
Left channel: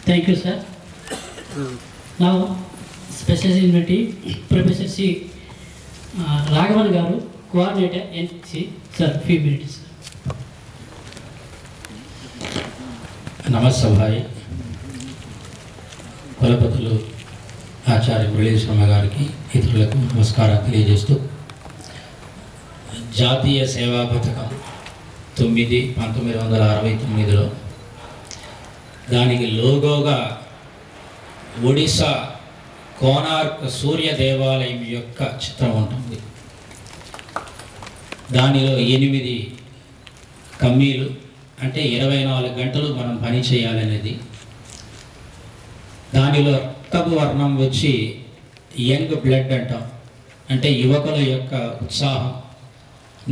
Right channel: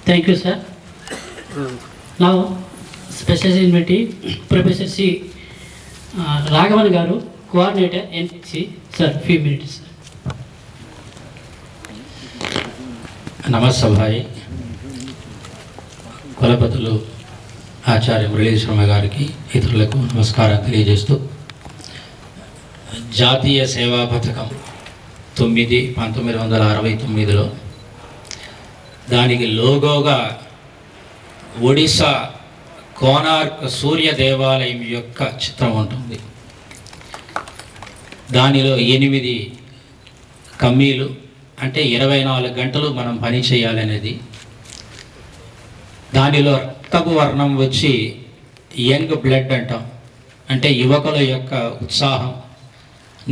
Thank you, sir. Now, special invitee, Professor C. Raghavan Garu, Coordinator, NCC. Sir, few minutes. నమస్సభాయ్ కులపతులు ఆచార్య మురళీ శర్మ గారికి, ఇతరులకు నమస్కారం తెలియజేస్తూ జాతీయ సేవా పథకం 1969లో దానికి లోగోగా ఒడిశా కోనార్క్ సూర్య దేవాలయం యొక్క చిత్రం ఉంటుంది. దానిలో 8 కమ్మీలు, అంటే 24 గంటలు మనం పని చేయాలనేది. దానిలో రక్తపు వర్ణం వచ్చి యంగ్ బ్లడ్ అంటాం, అంటే యువకుల యొక్క ఉత్సాహం.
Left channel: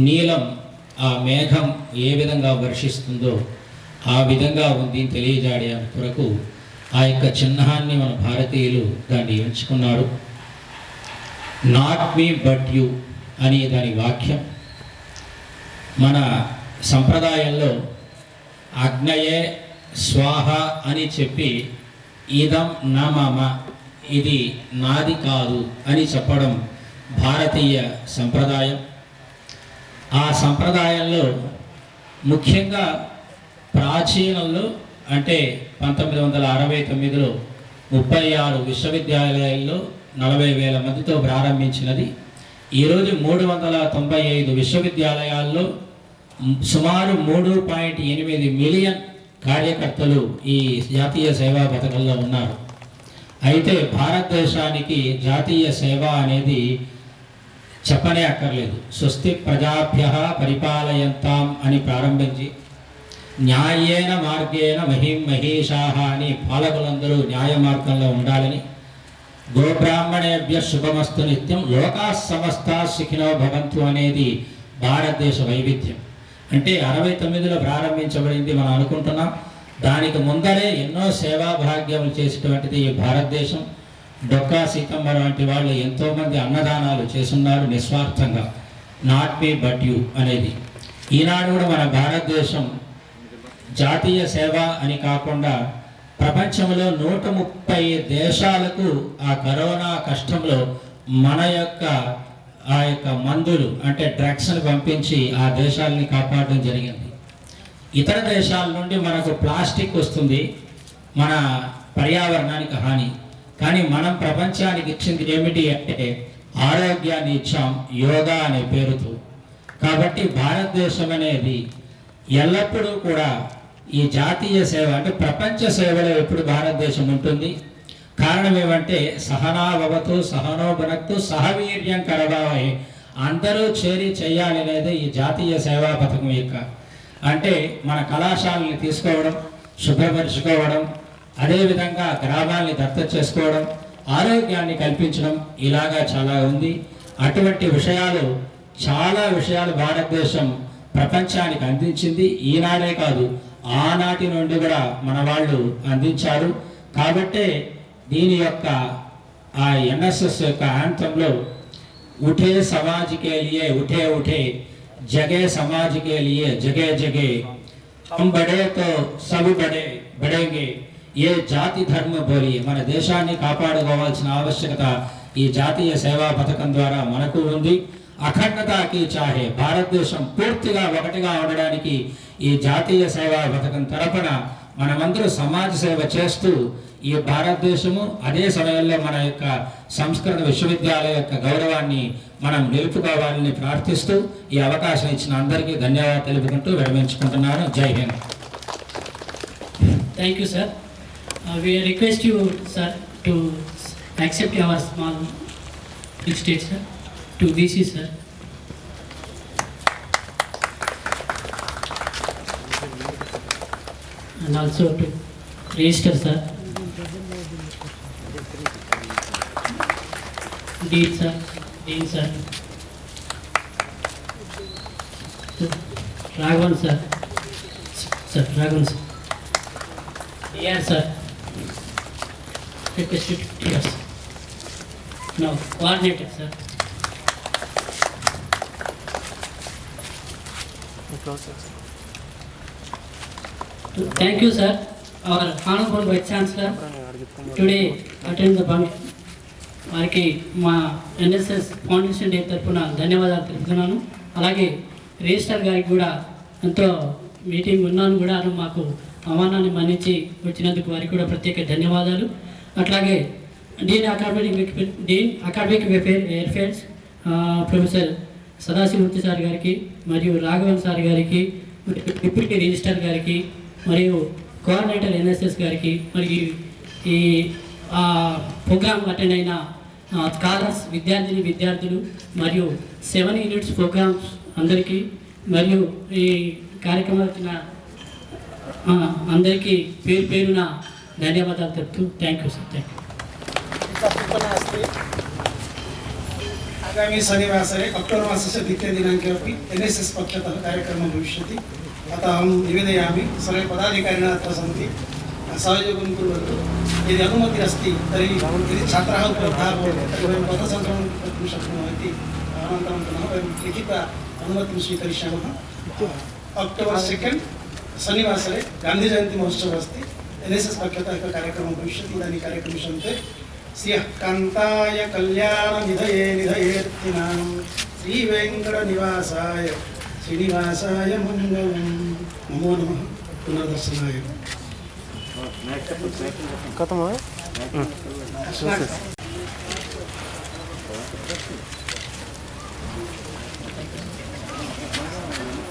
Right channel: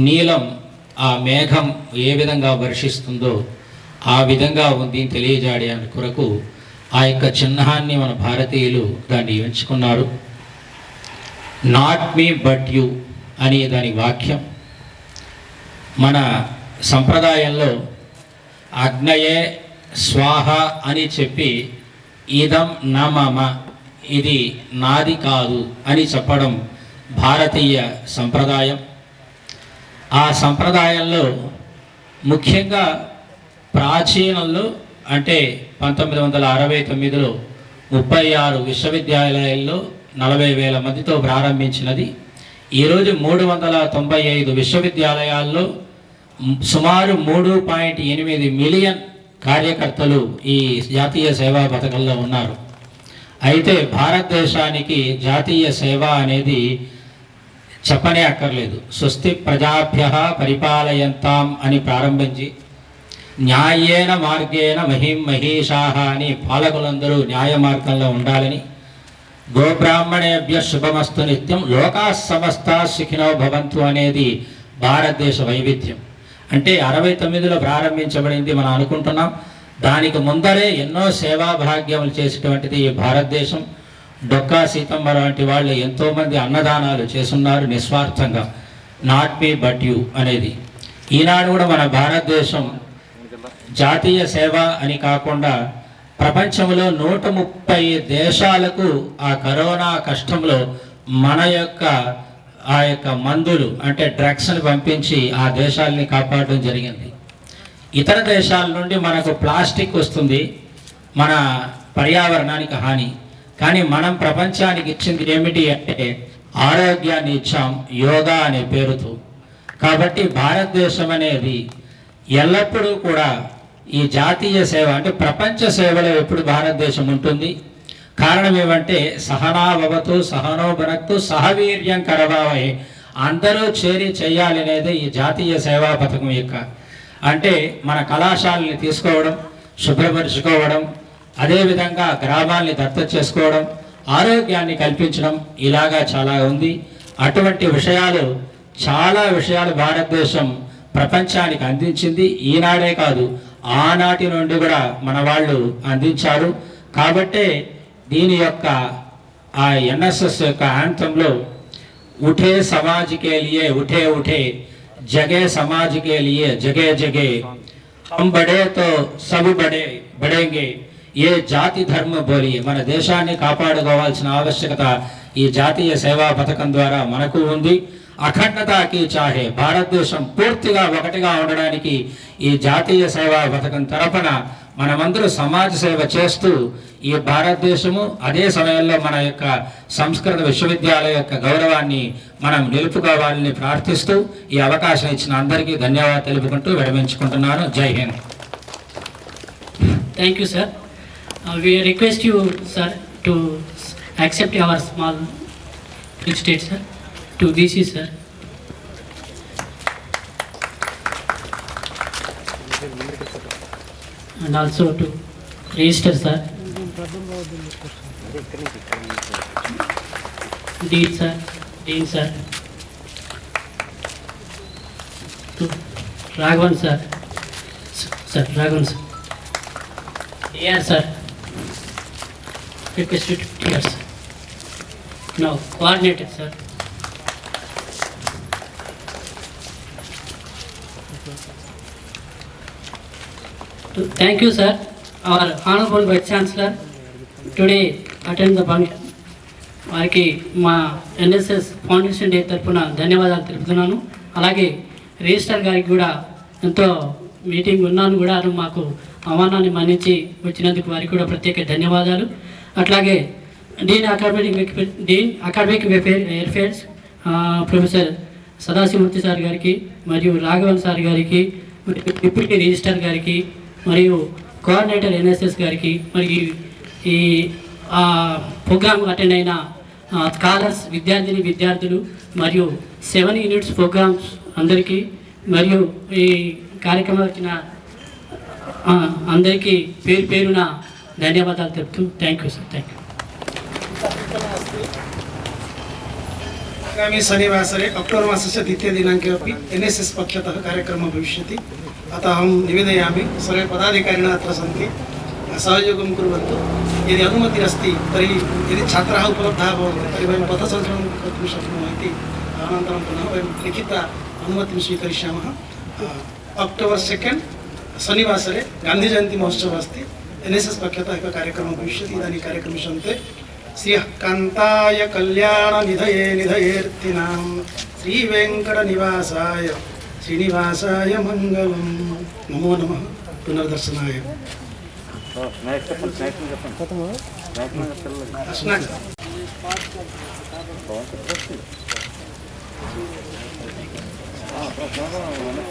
నీలం ఆ మేఘం ఏ విధంగా వర్షిస్తుందో ఆ విధంగా ఉంది తెలియజేయడానికి కొరకు ఆ యొక్క చిహ్నాన్ని మన భారతీయులు దాన్ని ఎంచుకున్నారు. నాట్ మీ బట్ యు అనే దాని వాక్యం. మన సంప్రదాయంలో అగ్నయే స్వాహ అని చెప్పి ఇదం నా మమ, ఇది నాది కాదు అని చెప్పడం భారతీయ సంప్రదాయం. ఆ సంప్రదాయంలో ముఖ్యంగా ప్రాచీనంలో అంటే 1969లో 36 విశ్వవిద్యాలయాల్లో 40,000 మందితో ప్రారంభించినది. ఈరోజు 395 విశ్వవిద్యాలయాల్లో సుమారు 3.8 మిలియన్ కార్యకర్తలు ఈ జాతీయ సేవా పథకంలో ఉన్నారు. అయితే భారతదేశానికి జాతీయ సేవ అనేది చెప్పనే అక్కర్లేదు. స్వస్తి ప్రజాభ్యః పరిపాలయంతాం అని ప్రారంభించి న్యాయేన మార్గేణ మహిం మహేషాః అని పాలకులందరూ న్యాయ మార్గంలో ఉండాలని, గోబ్రాహ్మణేభ్య శుభమస్తు నిత్యం లోకాః సమస్తాః సుఖినో భవంతు అనేది భారతదేశ వైవిధ్యం. అంటే 69లో ప్రారంభించబడింది మనం అనుకుంటున్నాం. దానికి ముందరే ఎన్నో సేవా భాగ్యములు చేసేటువంటిది ఈ భారతదేశం. డొక్కా సీతమ్మ లాంటి వాళ్ళు ఎంతోమంది అన్నదానాలు చేస్తున్నారు నిస్వార్థంగా. నాట్ మీ బట్ యు అనేది. ఈనాడు కూడా మన భారతదేశం జాతీయ సేవ అని కాకుండా ప్రపంచంలో 130 దేశాలకు ఆ కరోనా కష్టంలో మన యొక్క ఆ యొక్క మందులు అంటే డ్రగ్స్ని పంపించి ఆ దేశాలని కాపాడడం జరిగింది. ఇతర దేశాల నుండి మనకు ప్లాస్టిక్ వస్తుంది, మన పర్యావరణానికి హాని. కానీ మనం ప్రపంచానికి ఇచ్చింది ఏమిటి అంటే ఆరోగ్యాన్ని ఇచ్చాం, యోగా అనే పేరుతో. కాబట్టి భారతదేశం అనేది ఎల్లప్పుడూ కూడా ఈ జాతీయ సేవ అంటే ప్రపంచ సేవలో ఎప్పుడు భారతదేశం ఉంటుంది. కారణం ఏమంటే సహనాభవతు సహనో భనక్తు సహవీర్యం కరవావహే, అందరూ చేరి చేయాలనేది ఈ జాతీయ సేవా పథకం యొక్క. అంటే మన కళాశాలని తీసుకోవడం, శుభ్రపరుచుకోవడం, అదేవిధంగా గ్రామాల్ని దత్తత చేసుకోవడం, ఆరోగ్యాన్ని కల్పించడం, ఇలాగా చాలా ఉంది. అటువంటి విషయాలు చాలా విషయాలు భారతదేశం ప్రపంచానికి అందించింది. ఈనాడే కాదు, ఆనాటి నుండి కూడా మన వాళ్ళు అందించారు. కాబట్టే దీని యొక్క ఆ ఎన్ఎస్ఎస్ యొక్క యాంథంలో ఉఠే సమాజ్ కే లియే ఉఠే ఉఠే, జగే సమాజ్ కే లియే జగే జగే, హమ్ బడే తో సబ్ బడే బడేంగే, ఏ జాతి ధర్మ బోలియే. మన దేశాన్ని కాపాడుకోవాల్సిన ఆవశ్యకత ఈ జాతీయ సేవా పథకం ద్వారా మనకు ఉంది. అఖండతకి చాహే, భారతదేశం పూర్తిగా ఒకటిగా ఉండడానికి ఈ జాతీయ సేవా పథకం తరపున మనమందరూ సమాజ సేవ చేస్తూ ఈ భారతదేశము అదే సమయంలో మన యొక్క సంస్కృత విశ్వవిద్యాలయం యొక్క గౌరవాన్ని మనం నిలుపుకోవాలని ప్రార్థిస్తూ ఈ అవకాశం ఇచ్చిన అందరికీ ధన్యవాదాలు తెలుపుకుంటూ విరమించుకుంటున్నాను. జై Hind. Thank you, sir. We request you, sir, to accept our small state, sir, to DC, sir. And also to register, sir. Dean, sir. Dean, sir. To Raghavan, sir. Sir, Raghavan, sir. Yes, sir. Requested, yes. No, coordinated, sir. Thank you, sir. Our Honorable Vice Chancellor today attend the function. వారికి మా NSS foundation day తరఫున ధన్యవాదాలు తెలుపుతున్నాను. అలాగే register గారికి కూడా ఎంతో meeting ఉన్నాను కూడా మాకు ఆహ్వానాన్ని మన్నించి వచ్చినందుకు వారికి కూడా ప్రత్యేక ధన్యవాదాలు. అట్లాగే Deen academic welfares professor Sadasivamurthy sir గారికి మరియు రాఘవన్ సార్ గారికి డిప్యూటీ రిజిస్టర్ గారికి మరియు కోఆర్డినేటర్ ఎన్ఎస్ఎస్ గారికి మరియు ఈ ప్రోగ్రామ్ అటెండ్ అయిన స్కాలర్స్ విద్యార్థులు మరియు 7 యూనిట్స్ ప్రోగ్రామ్స్ అందరికీ మరియు ఈ కార్యక్రమం వచ్చిన అందరికీ పేరున ధన్యవాదాలు చెప్తూ thank you sir thank you अस्ति आगामी शनिवासरे अक्टोबर् मासस्य द्वितीयदिनाङ्के अपि NSS पक्षतः कार्यक्रमः भविष्यति। अतः अहं निवेदयामि सर्वे पदाधिकारिणः अत्र सन्ति, सहयोगं कुर्वन्तु। यदि अनुमतिः अस्ति तर्हि यदि छात्राः उपलब्धाः भवन्ति तर्हि वयं पथसङ्ग्रहणं कर्तुं शक्नुमः इति अनन्तरं पुनः वयं लिखित अनुमतिं स्वीकरिष्यामः। अक्टोबर् 2 शनिवासरे गान्धीजयन्ती महोत्सवः अस्ति। NSS पक्षतः एकः कार्यक्रमः भविष्यति। इदानीं कार्यक्रमे सन्ति श्रियः कान्ताय कल्याणनिधये निधयेऽर्थिनां श्रीवेङ्कटनिवासाय श्रीनिवासाय मङ्गलं। नमो नमः पुनर्दर्शनाय।